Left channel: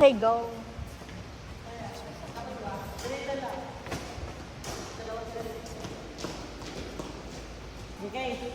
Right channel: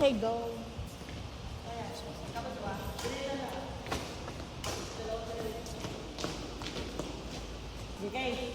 Say go. Okay.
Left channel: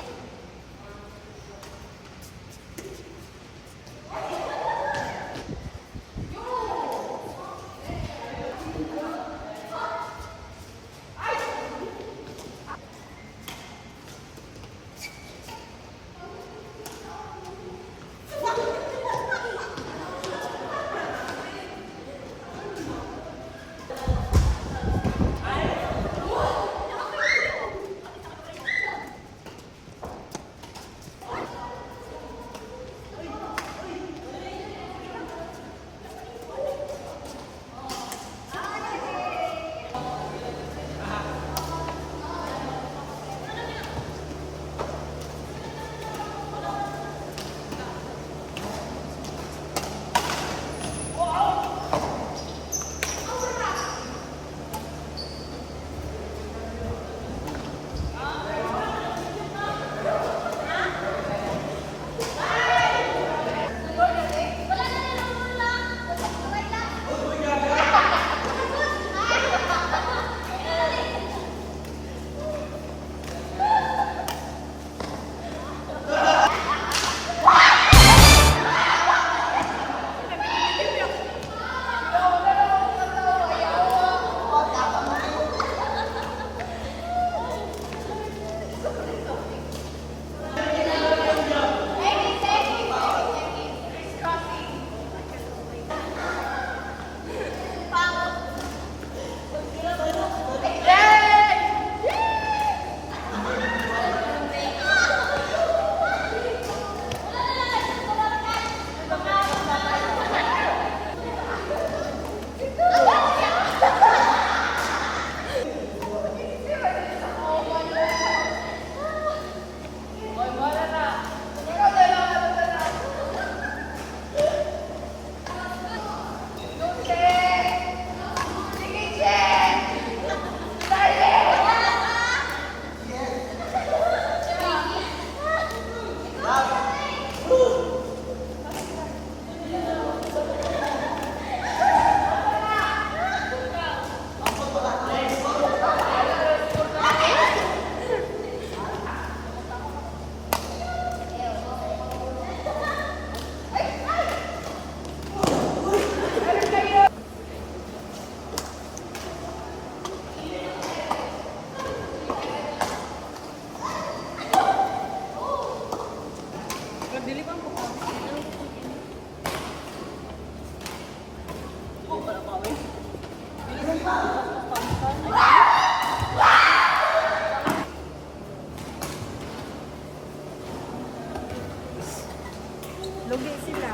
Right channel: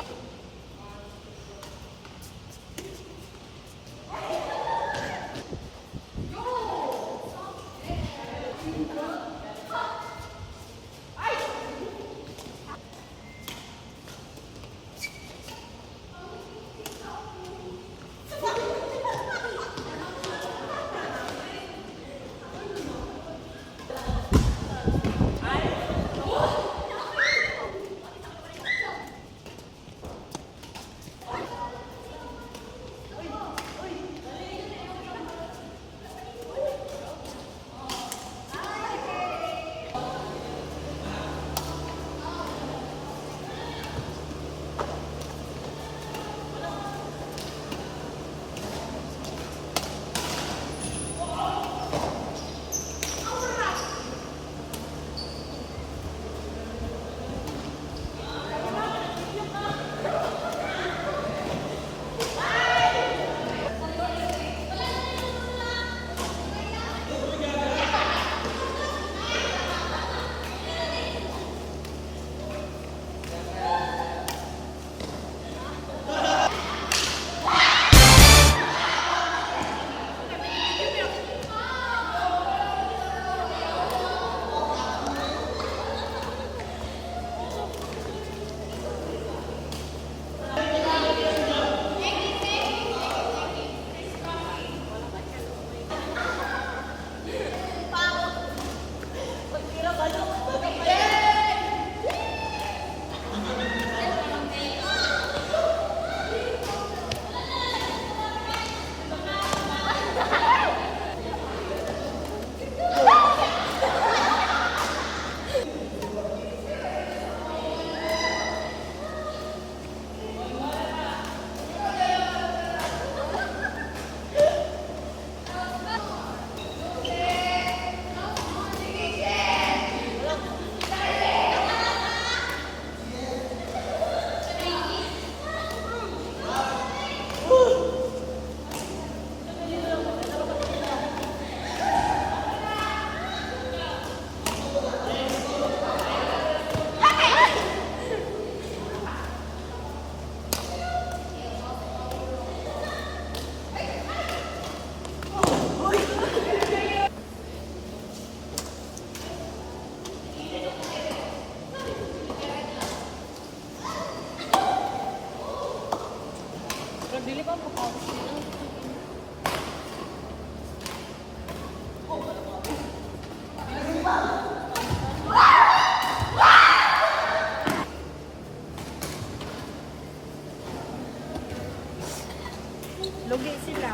Lugi sila.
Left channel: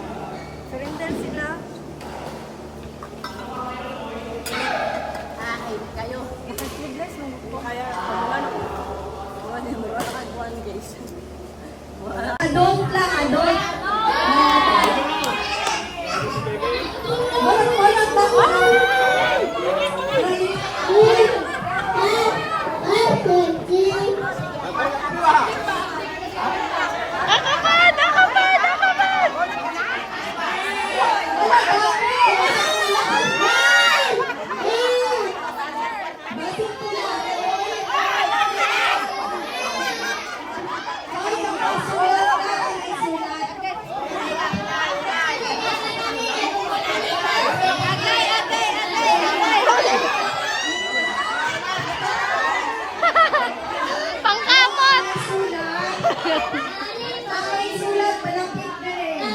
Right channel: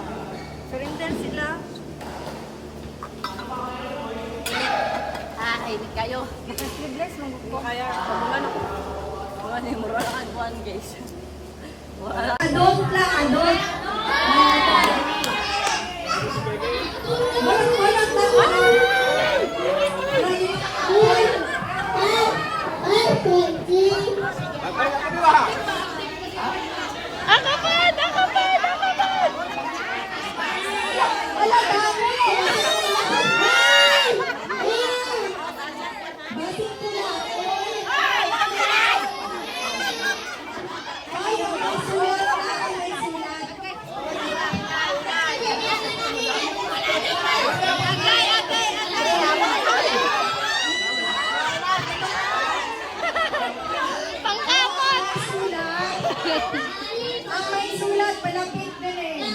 Surrender sila. Ay, kayo. Sleeveless mo po. Kaya, pamulan ako. Buwan yung mura ka, buwan guys. Adult lang, adult. Walang sulat, malapit na rin.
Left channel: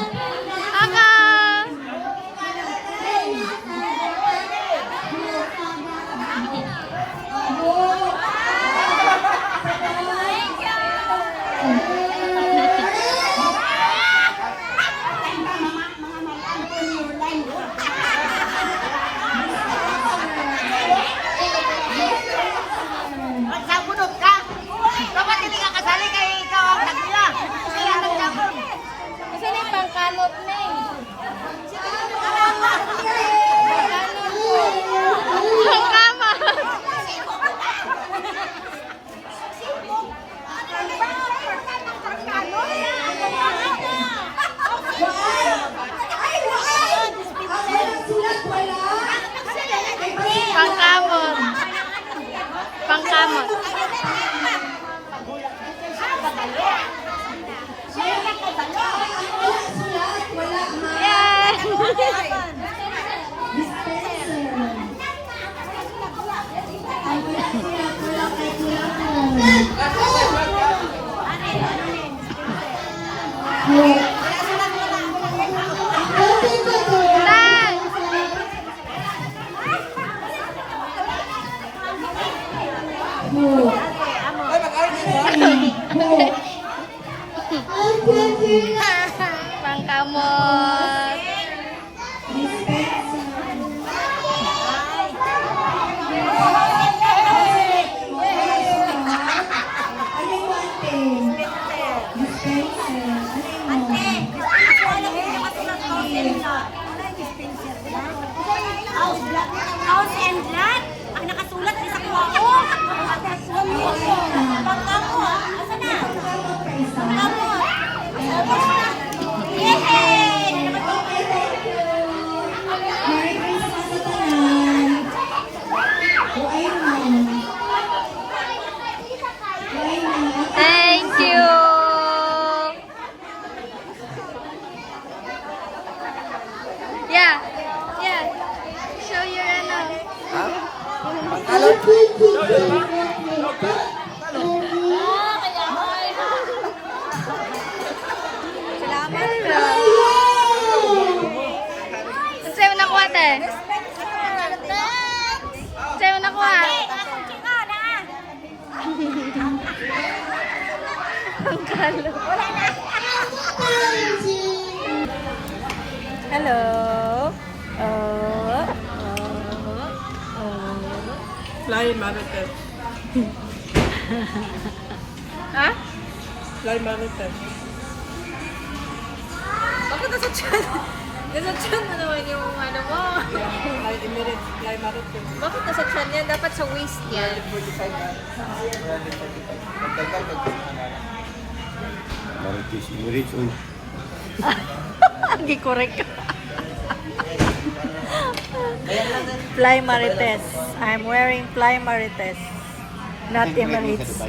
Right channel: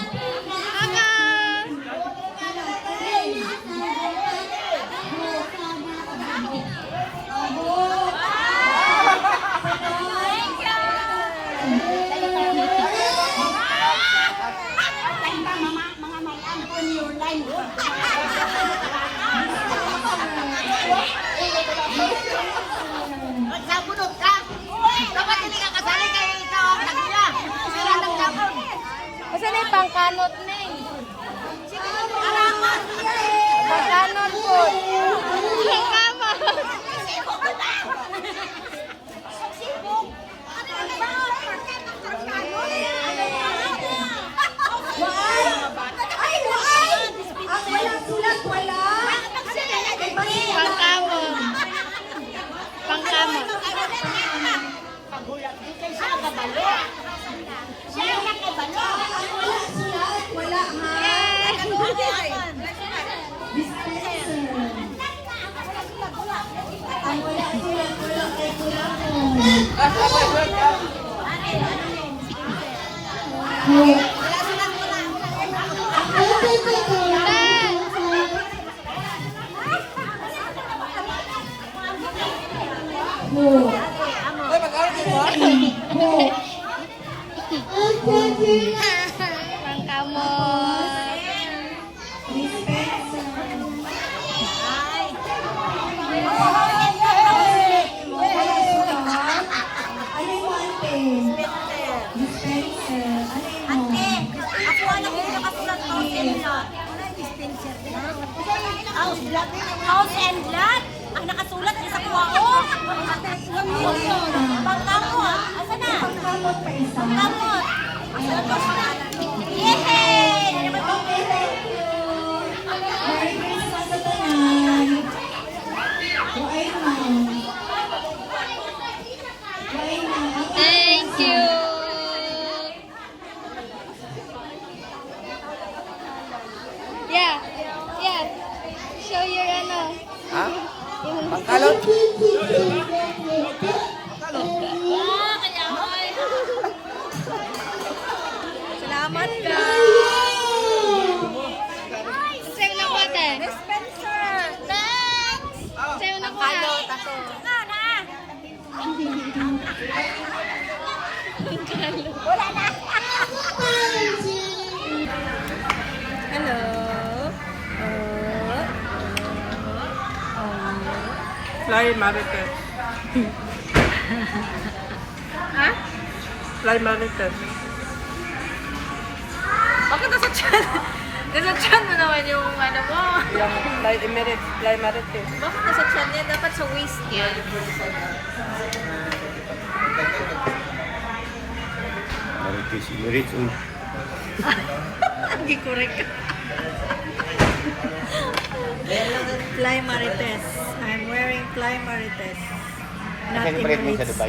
Sabunod ka! Dapat hindi ka kasali kay ikaw ang tagila! Pangkamot. Ano yung ate? Dispenser. Ano yun? Ako alam ko yung nakasulat ko House and Lot. Ang nakasulat sa kuwao. Pagkamot. Asa na? Pagkamot pa isa. Pagkamot. Yay! Okay, thank you. Merry Christmas sa tanan. Kuwain mo. Kuwain mo. Thank you. Yeah. Yeah. Show your ano. Ha? Pangkalot? Salamat ka. Sa'yo na kuha, te. Sa'yo na kuha. Ang kalo. Hello. Fly Marites. Ha? Fly Marites. Bakit nasa chan? Nasa chan mo naman yung ano mo. Fly Emirates. Fly Marites. Bakit nasa chan yan? Dapat sa waist yan. Marites, Emirates, uy. Hindi correct. Fly Marites. I'm wearing Fly Marites. Not Emirates.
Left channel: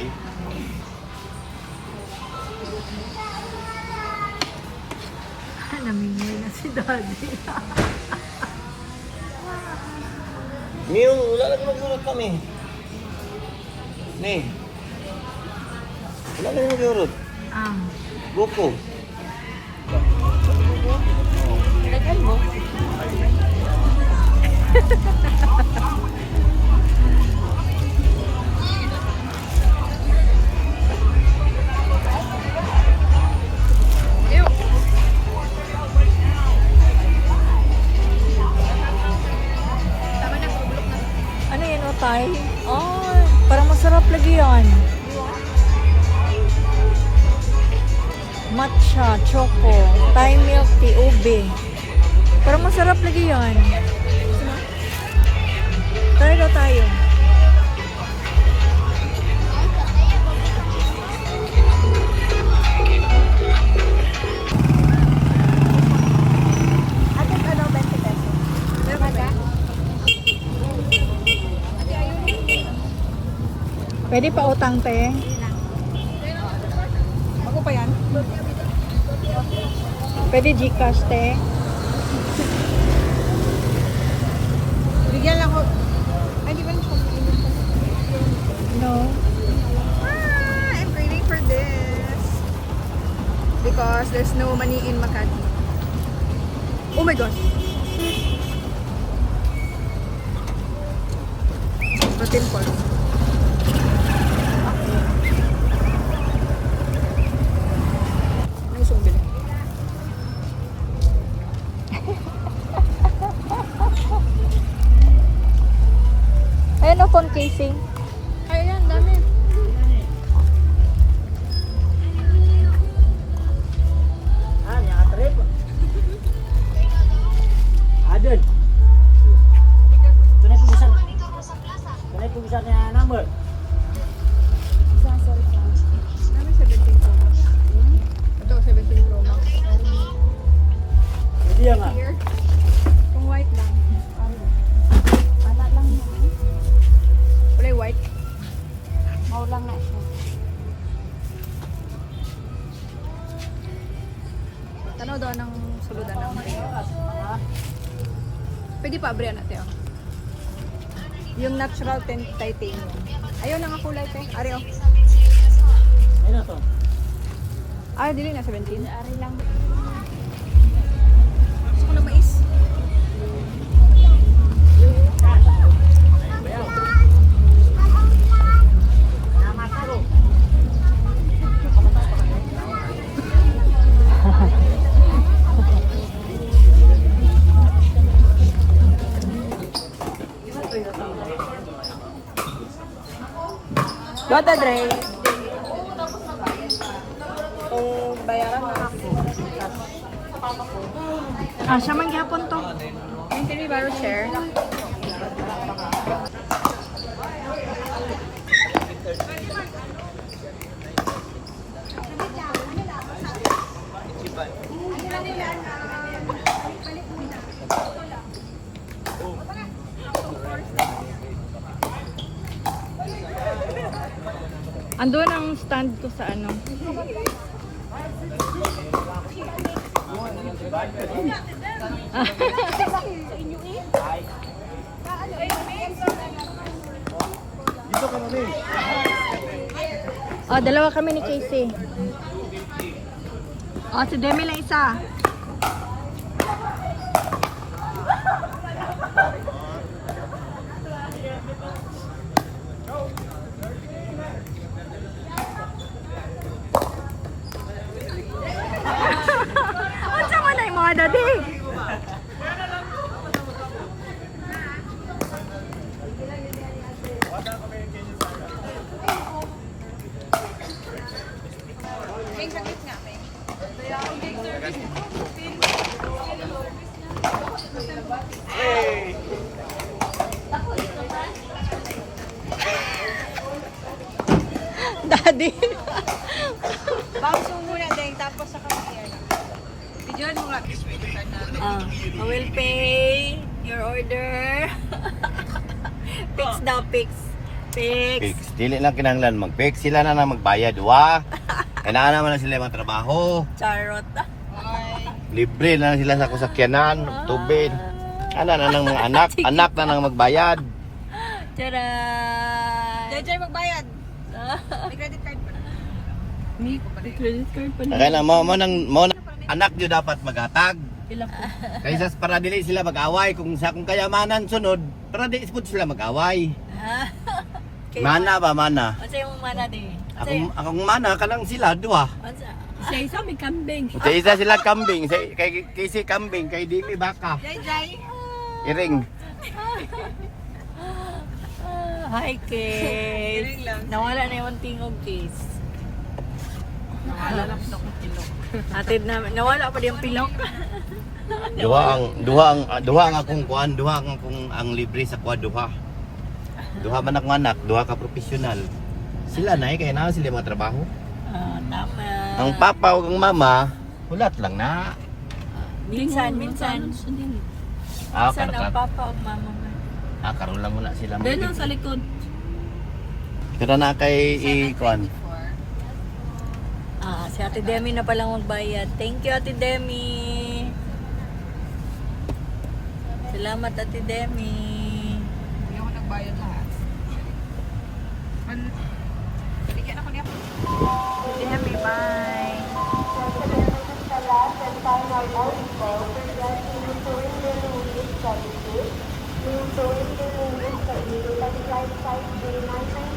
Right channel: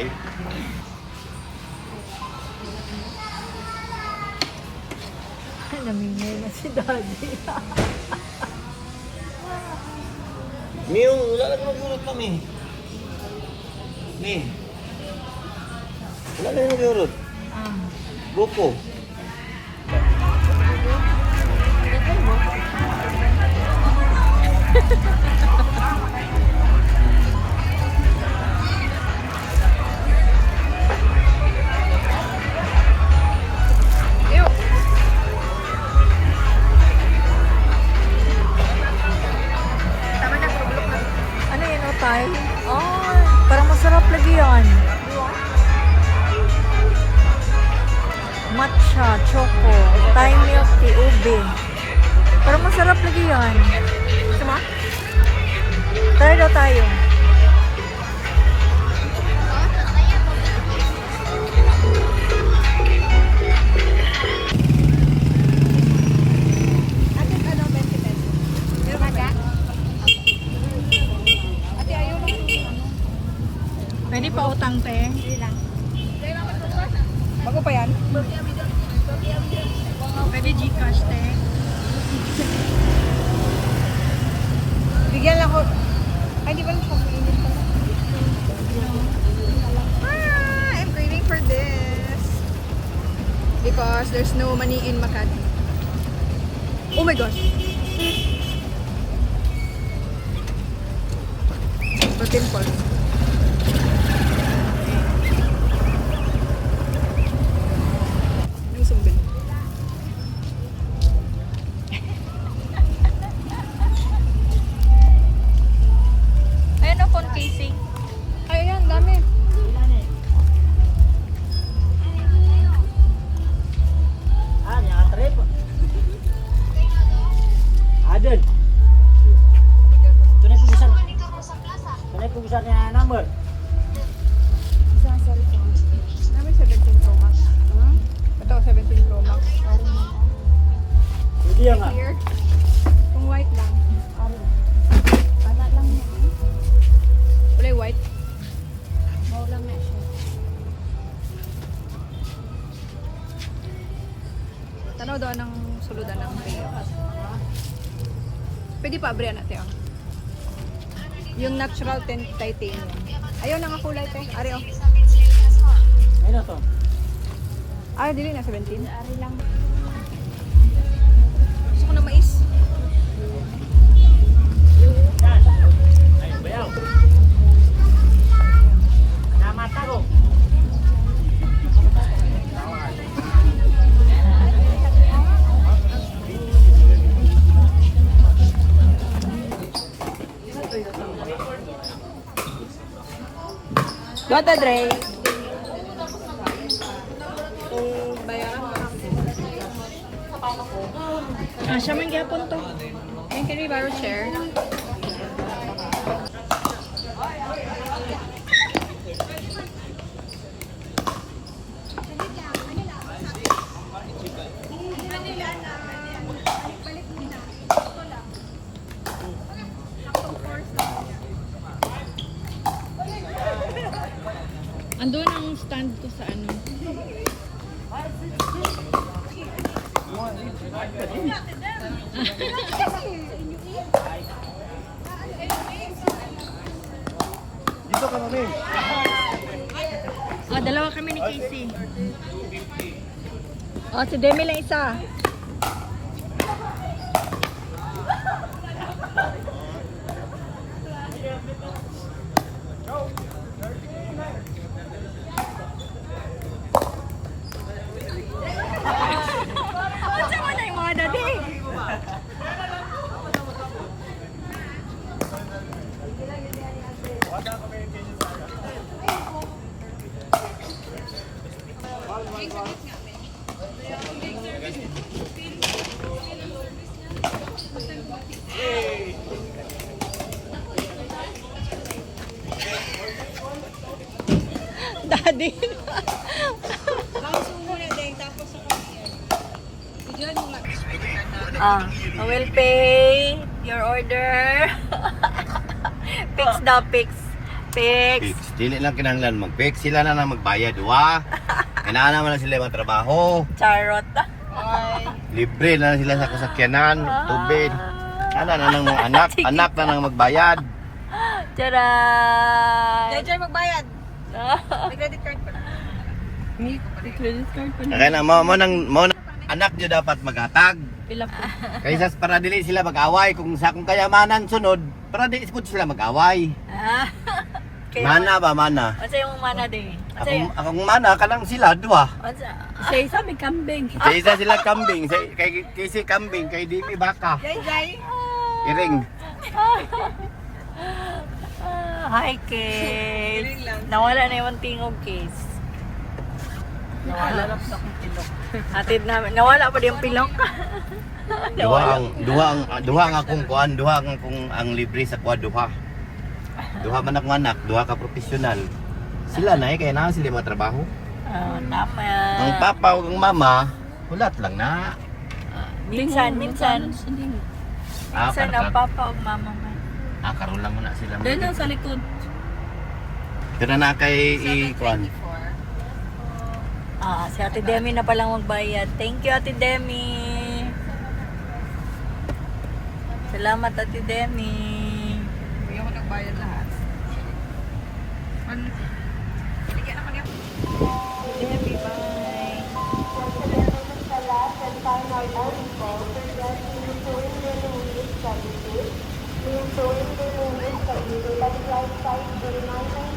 Namingay na si Daddy. Niyo, wala lang mag-urot kami. Ni. Wala lang mag-urot. Gopo. Ew. Tama na, bulok na. Ano yun, o tayo? Oh, parang masarap lagi yan. Matcha, choco, Thai milk tea, ube. Parang masarap lagi yan. Try daw tayo. Atin ano, 20 pesos. Meron ka ba? Ate, ayun. Pwede pa utang, te. Bago pa yan? Pwede Gcash, te. Bigyan lang ako. Ay, di ba na siya mainit pa? No. I'm craving for this. Because there's no money in Makati. Oh my gosh. Protein pulse. Ang isang bili. Ayun o, phone casing. Ay, ayan, dami. Adun. Tunay po bisa niya number. Dami 17 Pro Max. Ito, 17 Pro Max. Jadi ya nga. Here. Kung white lang. Bata lang yan. Wala yung white. Mau lang na. Tanaw daw ng suludan ng Rio. Pwede pa abrihan natin. Oh. Yung natural titanium. Ayaw na nga kulay, te. Ari, oh. Ano to? Ay, dili na 17. Ari lang. Gusto ko na mais. Dota Dre. Kung bayaran mo ako. Siya man gyapon to. And can we borrow chair? Andun ang stand ko sa ano. Oh, dalawa kami ni Casey. Oh, si Demi lang isa. Ano mo na yung mga dati? Daddy. Bangso muna din, tapos sa Bigyan mo nga. I will pay your order. Fix daw, fix. Fix. Fix. Dili lang kinahanglan mag-fix. Sila na lang magbayad. Wa. Kailangan naman na sila magtrabaho. Charot. Libre na lang sila sa kasakyanan. Tubig. Ano na lang mga anak. Anak na lang magbayad. Tara! Jay magbayad. May credit card pa na. Credit card pa Kaya na mo nang anak nyo dapat maghatag. Pila po. Kaysa para dili sila mag-away kung kayamanan sunod, para dili sila mag-away. Okay. Mana ba mana? Asa yung mana din? Akong mana kanang sila duha. Asa? Isa may kambing. Kaysa sila kambing, kay si kambing kay Dimi baka. Jay. Iring. Hi, Case. Nawala na yung tingog, Case. Nawala lang sa akong pilok. Atid namin. Nawala pa din yung pilok. Duha ang akong kuan, duha ang akong ang libre sa kuan duha. Duha man akong anak, duha ka profesional. Sila na kaya na sila matrabaho. Naman. Ang papa ug ang mama, hulat lang na. Minsan. Minsan ang papa o mama mo. Karon lang muna sila. Dito sa likod. Pero na kay kuan. Si Ate Demi na palang magbayad. Thank you, Ate Demi. Salamat, Ate Demi. Hindi mo nagbayad lahat. Sige na kanya. Ate Demi, bye. Yung